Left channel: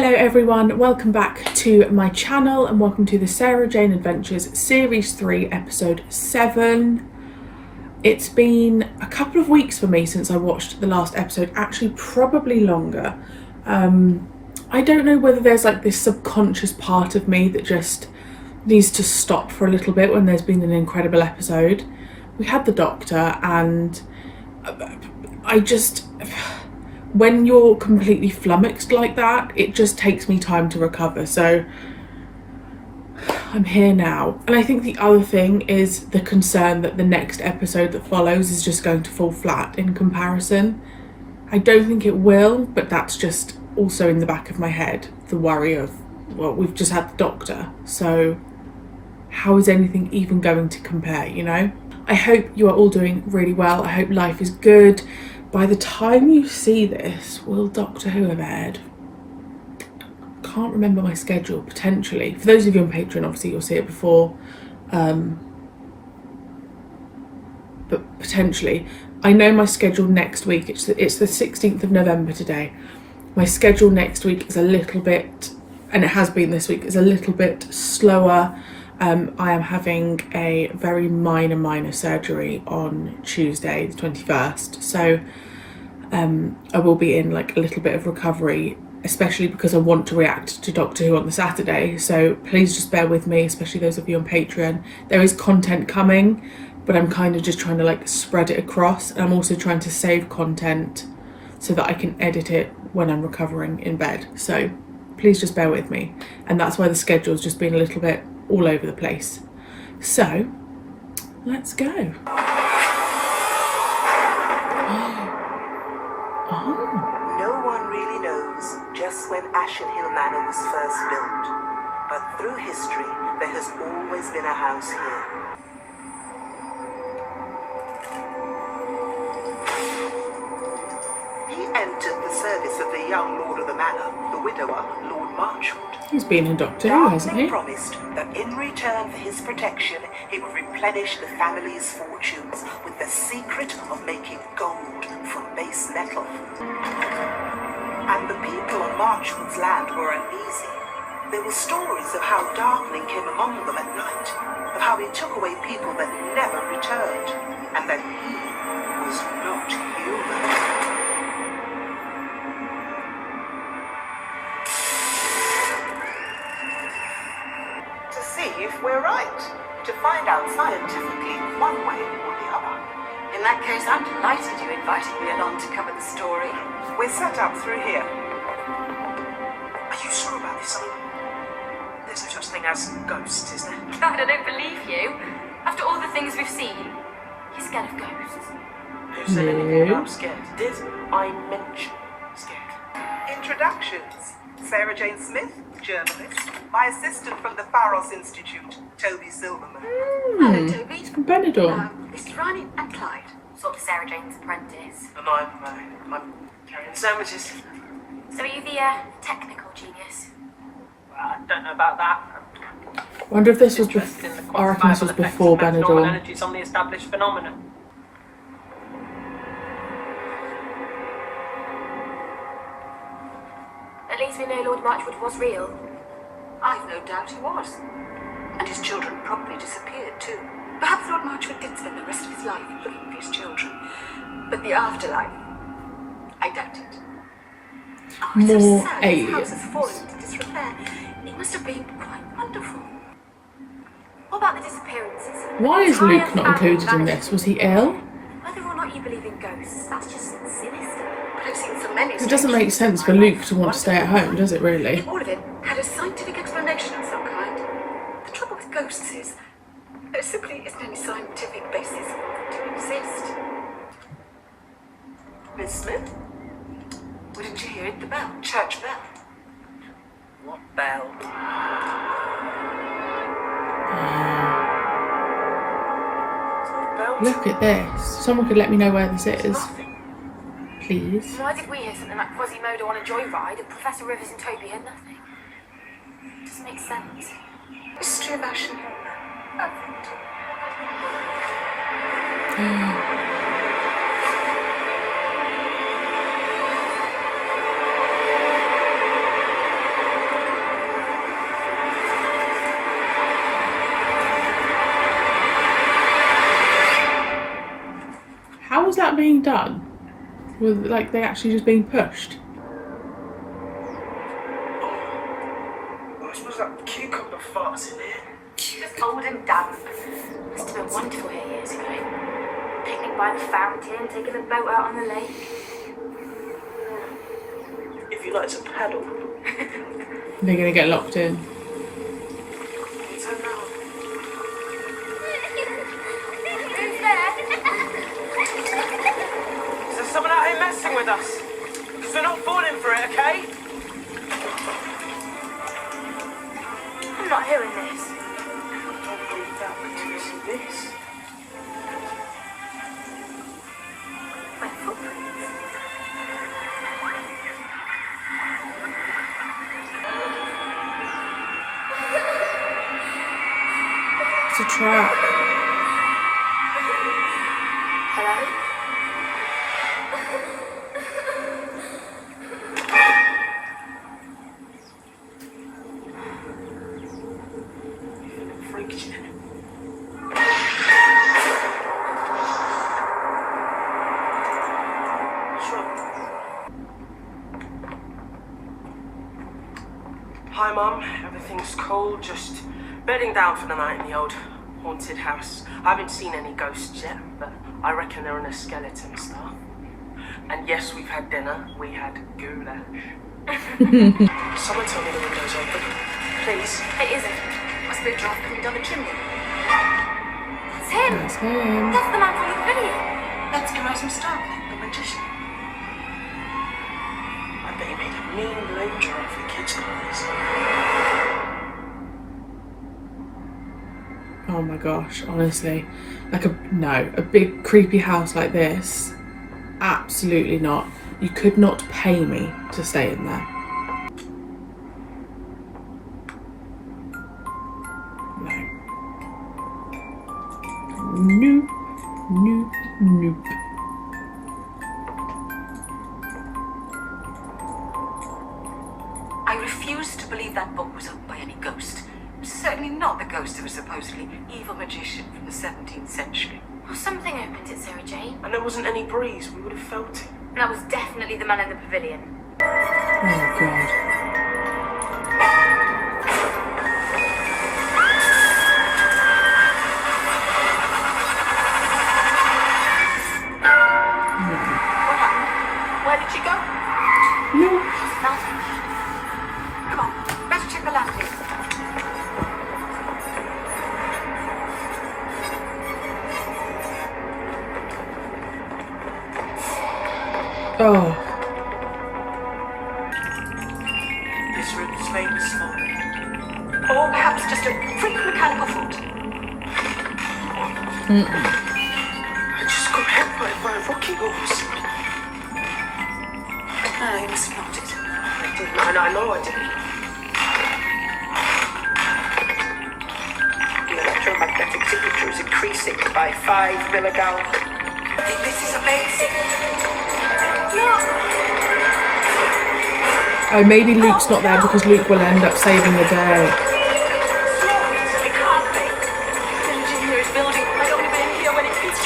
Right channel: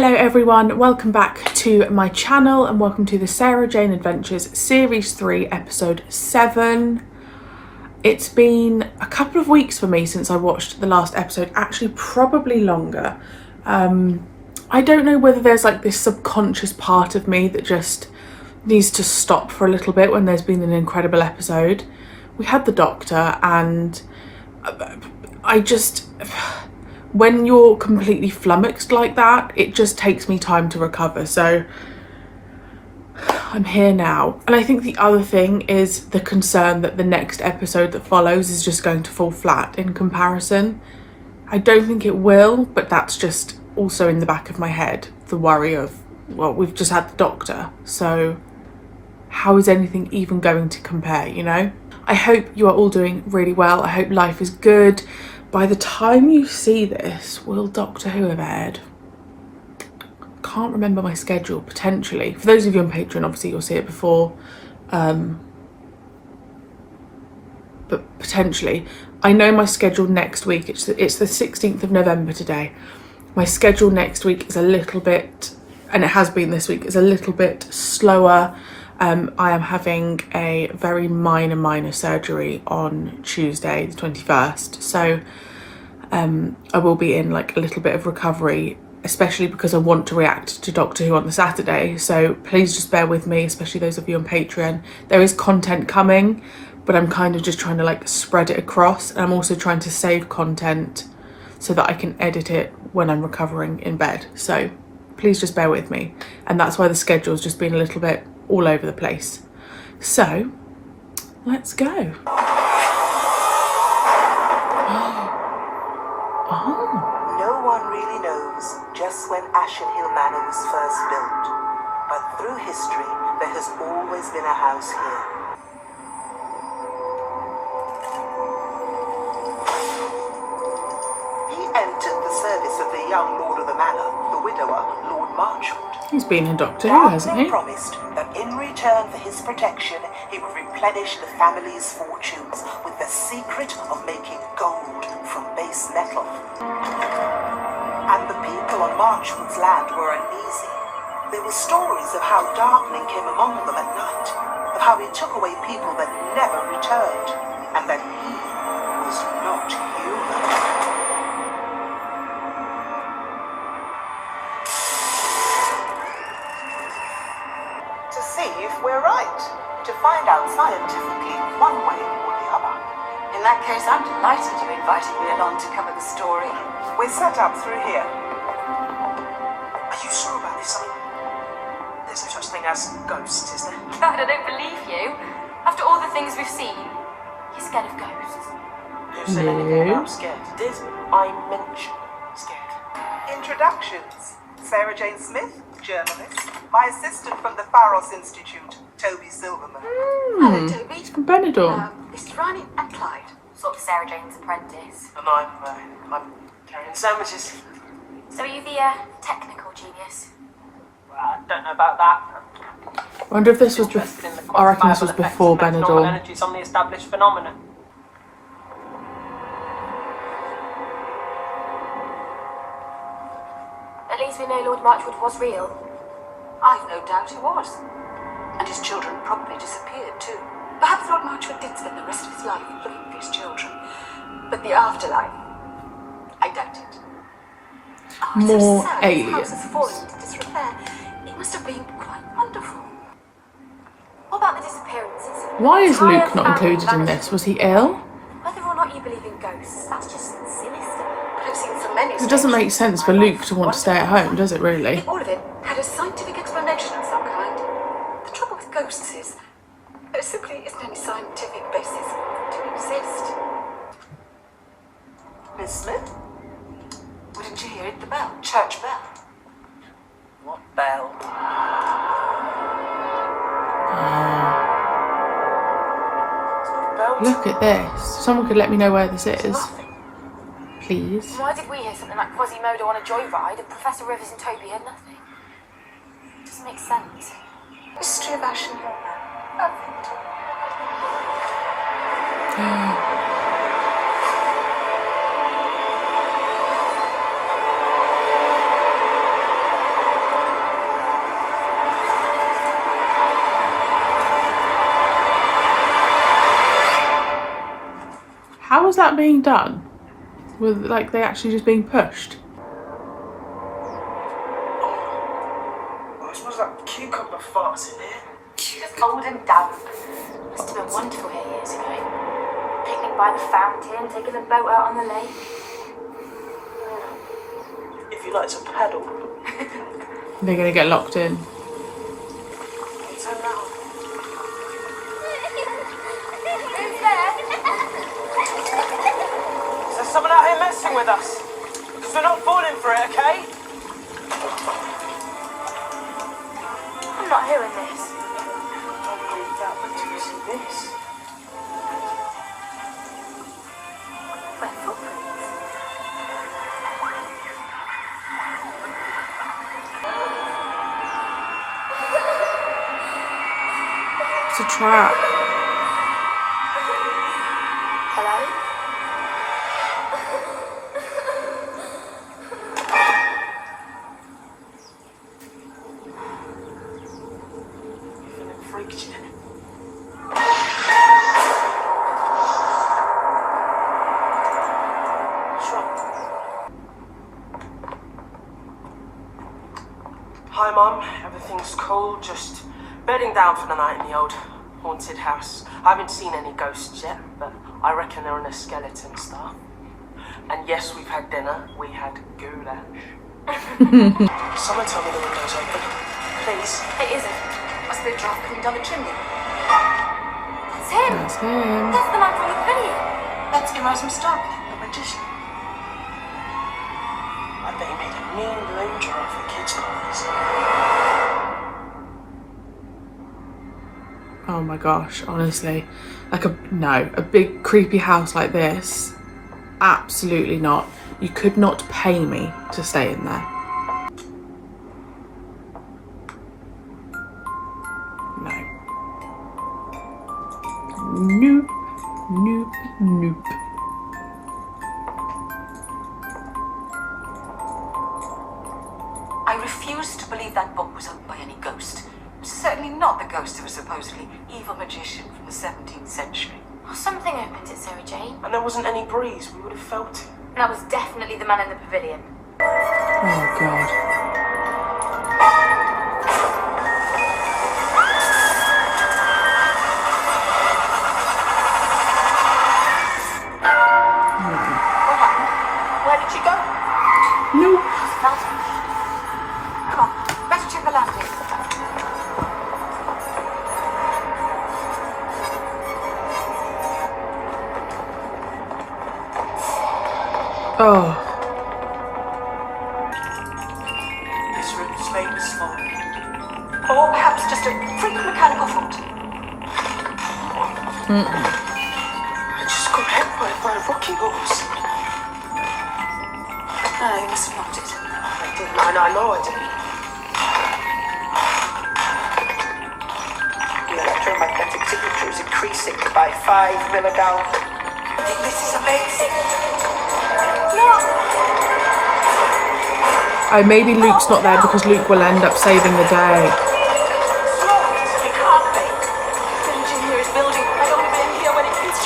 Hello everyone, welcome back to my channel and welcome to the Sarah Jane Adventures Series 3 Episode 7. It's been a couple of weeks for me since I watched the last episode, actually probably longer. I don't know whether there's like this subconscious part of me that just needs to stop for a little bit when there's been an incredible episode. We had the doctor and when you're completely flummoxed like that, it just takes me time to recover. So I'm here now. And I think the other thing is the concern that the next episode that follows is just going to fall flat in comparison. I don't think it will, but that's just also in the back of my head, the worry of, well, we've just had the doctor, so how is anything even going to compare, you know? I hope you are all doing really well. I hope life is good. By the time you see this, will Doctor Who have aired? Can't remember my schedule, potentially. For those of you on Patreon, obviously you'll see it before. But potentially. I know my schedule next week, it's the 16th of November today. My schedule next week is a little bit, and it has been this week, is a little bit slower. I am having a very minor surgery on Tuesday the 21st, so I will be in like a little bit of recovery, especially because I want to react to Doctor Who on the Saturday, so please just bear with me, especially those of you on Patreon. There is content coming, but I'm kind of just trying to like spread it across, and I'm also trying to save content so that I can edit it when I'm recovering in bed, so please just bear with me. And that's why the schedule's just been a little bit all over the place. So let's go. No one really knows just when Ashen Manor was first built, but through history there has always been a house here. He entered the service of the young lord of the manor, the widower, Lord Marchwood. He's been in Doctor Who, hasn't he? Promised that in return for his protection, he would replenish the family's fortunes with the secret of making gold from base metal. And the people on Marchwood's land were uneasy. There were stories of how darkening came among them at night, of how he took away people that never returned, and that he was not human. We're right. To find out scientifically one way or the other. In that case, I'm delighted you invited me along to cover the story. We're set up through here. Are you sure about this? There's no such thing as ghosts, is there? God, I don't believe you. After all the things we've seen, you're scared of ghosts. Who said anything about scared? Did I mention scared? Introductions. Sarah Jane Smith, journalist. My assistant from the Pharos Institute, Toby Silverman. Hello, Toby. Benidorm. Mr. Ronnie and Clyde. Sort of Sarah Jane's apprentice. And I'm carrying sandwiches. So are you the technical genius? Well, I don't know about that. I wonder if this was I reckon this was before Benidorm. Energies on the established phenomenon. At least we know Lord Marchwood was real. I've no doubt he was. And his children probably disappeared too. Perhaps Lord Marchwood did spend the rest of his life looking for his children. But the afterlife, I doubt it. Oh, More so sad. aliens. His house has fallen into disrepair. It must have been quite wonderful. What about the disappearances? Why is Entire Luke not family included in vanished. this? Was he ill? Whether or not you believe in ghosts, that's just sinister. I've seen so many. It doesn't make sense for Luke to want to stay at home, does it really? All of it had a scientific explanation of some kind. The trouble with ghosts is there simply isn't any scientific basis to exist. Miss Smith? Well, didn't you hear it? The bell. Church bell. What bell? Look at this. Someone could let me know where this is, Nothing. please. Why did we hear something like Quasimodo on a joyride and Professor Rivers and Toby heard nothing? It doesn't make sense. History of Ashen. Perfect. How is that being done? With like they actually just being pushed? Oh, I suppose that cucumber fart's in here. Just cold and damp. Must have been wonderful here years ago. Picnic by the fountain, taking the boat out on the lake. If you like to paddle, They're gonna get locked in. turn round. Who's there? Is there someone out here messing with us? Because we're not falling for it, okay? I'm not hearing this. Don't believe that until you see this. Where footprints? It's a trap. Hello? Feeling freaked yet? Hi, Mum. Everything's cool. Just bedding down for the night in the old haunted house. I haven't seen any ghosts yet, but I reckon they're in a skeleton stuff. And yes, we've had dinner. We had goulash. Someone tell me the window's open. Please. It isn't. Must be a draft coming down the chimney. That's him. That's him. That's the man from the video. That's Erasmus Stark. The magician. I bet he made a mean balloon giraffe for kids' parties. Oh my gosh, honestly. Like a big creepy house like this. Absolutely not. You could not pay me to stay in there. No. Nope. Nope. Nope. I refuse to believe that book was owned by any ghost. Certainly not the ghost of a supposedly evil magician from the 17th century. Well, something opens it, Sarah Jane. And there wasn't any breeze. We would have felt it. And that was definitely the man in the pavilion. Oh god. Where did she go? Nope. Nothing. Come on, better check the landing. Oh. This room's famous for. Or perhaps just a freak mechanical fault. I just got hit by a rocking horse. No, you must have knocked it. I didn't. I know I didn't. The electromagnetic signature is increasing by 5 milligal. This is amazing. Oh, maybe Luke's not there because Luke will end up saving the day. It can't be. The engineer is building. I don't want to be in here when it hits.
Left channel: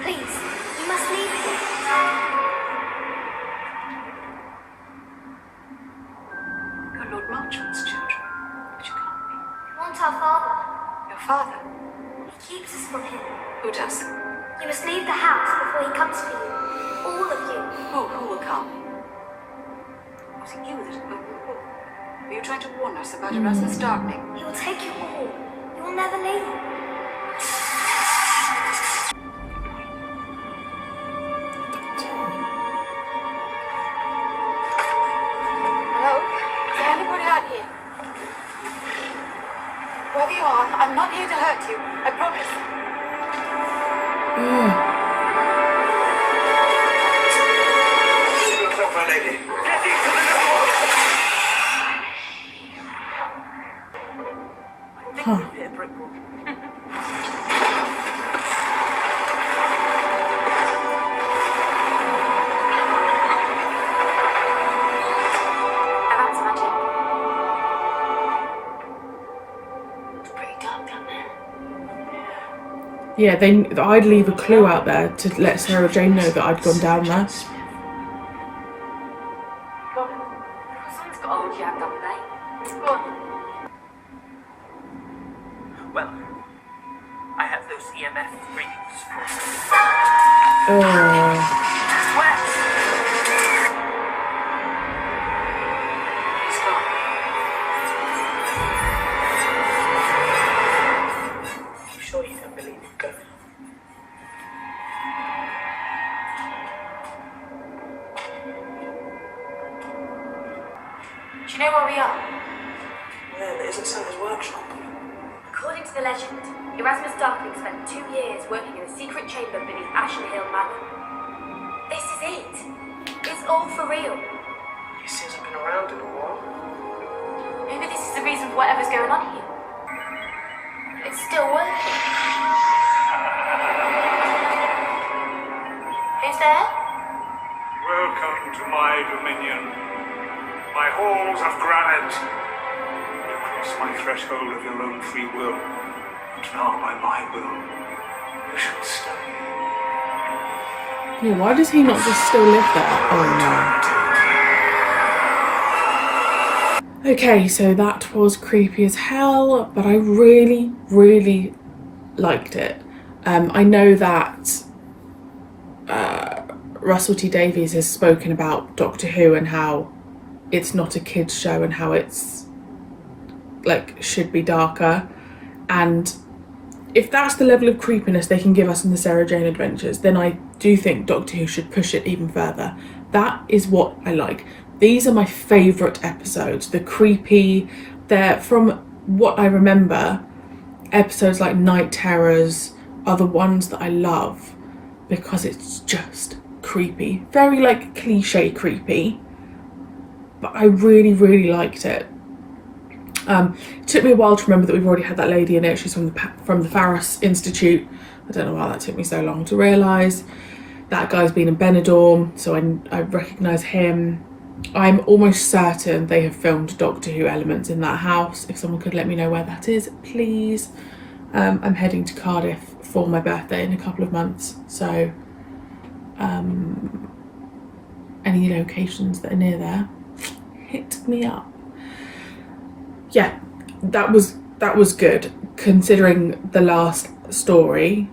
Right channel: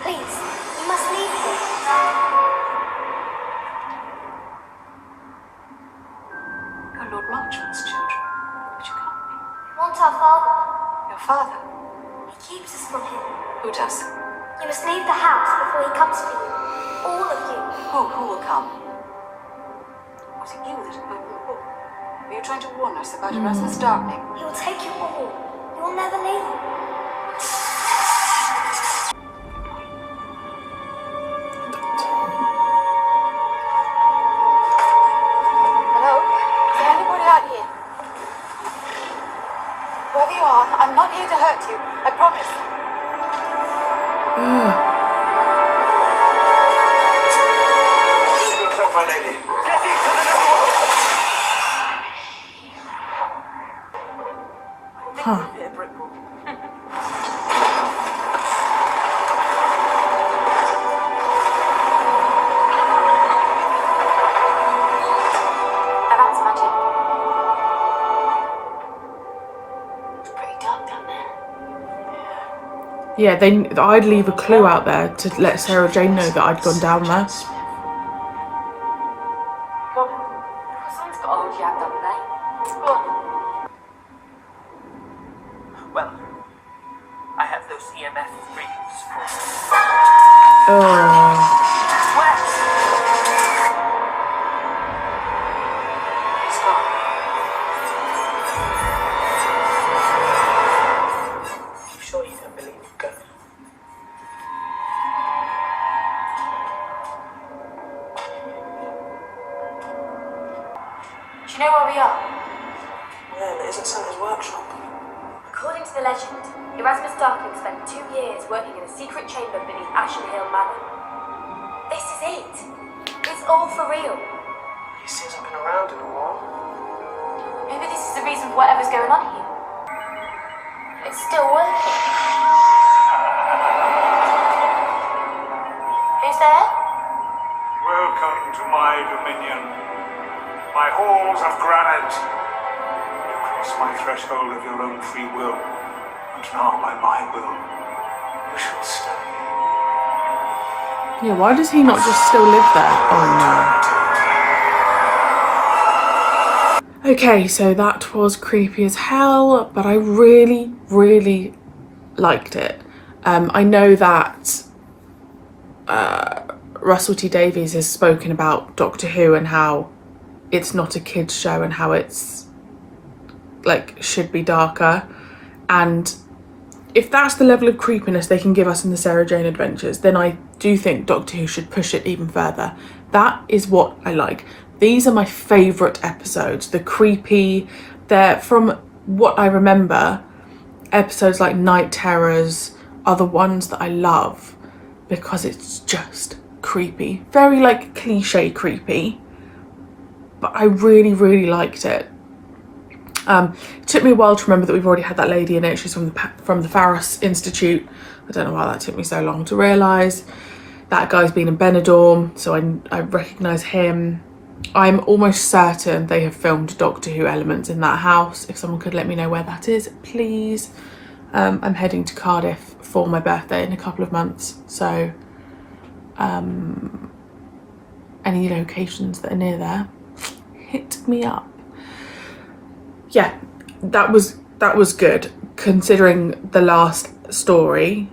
Please, you must leave here. You're Lord Marchmont's children, but you can't be. You want our father. Your father? He keeps us from him. Who does? You must leave the house before he comes for you. All of you. Who will come? Was it you that... Were you trying to warn us about Erasmus Darkling? He will take you all. You will never leave. Hello? Is there anybody out here? Whoever you are, I'm not here to hurt you. I promise. My lady. Get into the Huh. Yeah, brick wall. Now that's magic. It's pretty dark down there. Yeah, I'd leave a clue out there to let Sarah Jane know that I'd gone down there. Go on. Someone's got to hold your hand, haven't they? Go on. Well, I have those EMF readings for Oh. Wes! He's gone. I'm sure you don't believe it, go. Do you know where we are? Well, it isn't Santa's workshop. According to the legend, Erasmus Darkling spent 2 years working in a secret chamber beneath Ashen Manor. This is it. It's all for real. He hasn't been around in a while. Maybe this is the reason for whatever's going on here. It's still working. Who's there? Welcome to my dominion. My halls of granite. You cross my threshold of your own free will, and now by my will, you shall stay. Yeah, why does he not just still live there? Oh no. Okay, so that was creepy as hell, but I really, really liked it. I know that Russell T Davies has spoken about Doctor Who and how it's not a kids show and how it's like should be darker, and if that's the level of creepiness they can give us in the Sarah Jane Adventures, then I do think Doctor Who should push it even further. That is what I like. These are my favourite episodes. The creepy, they're, from what I remember, episodes like Night Terrors are the ones that I love because it's just creepy. Very like cliche creepy, but I really, really liked it. It took me a while to remember that we've already had that lady in it. She's from the Faros Institute. I don't know why that took me so long to realise. That guy's been in Benidorm, so I recognise him. I'm almost certain they have filmed Doctor Who elements in that house. If someone could let me know where that is, please. I'm heading to Cardiff for my birthday in a couple of months, so any locations that are near there, hit me up. Yeah, that was good. Considering the last story,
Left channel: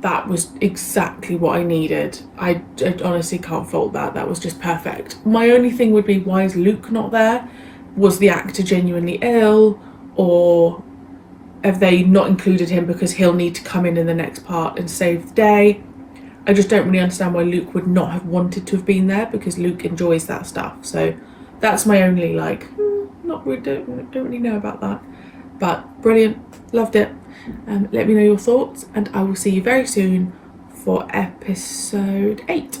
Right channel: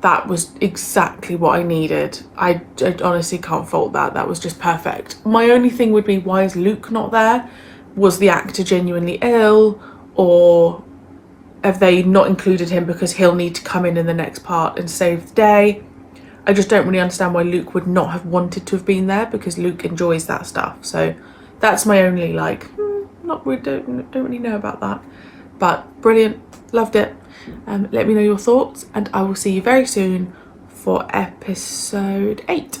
that was exactly what I needed. I honestly can't fault that. That was just perfect. My only thing would be, why is Luke not there? Was the actor genuinely ill, or have they not included him because he'll need to come in the next part and save the day? I just don't really understand why Luke would not have wanted to have been there, because Luke enjoys that stuff. So that's my only not really, don't really know about that. But brilliant, loved it. Let me know your thoughts, and I will see you very soon for episode 8.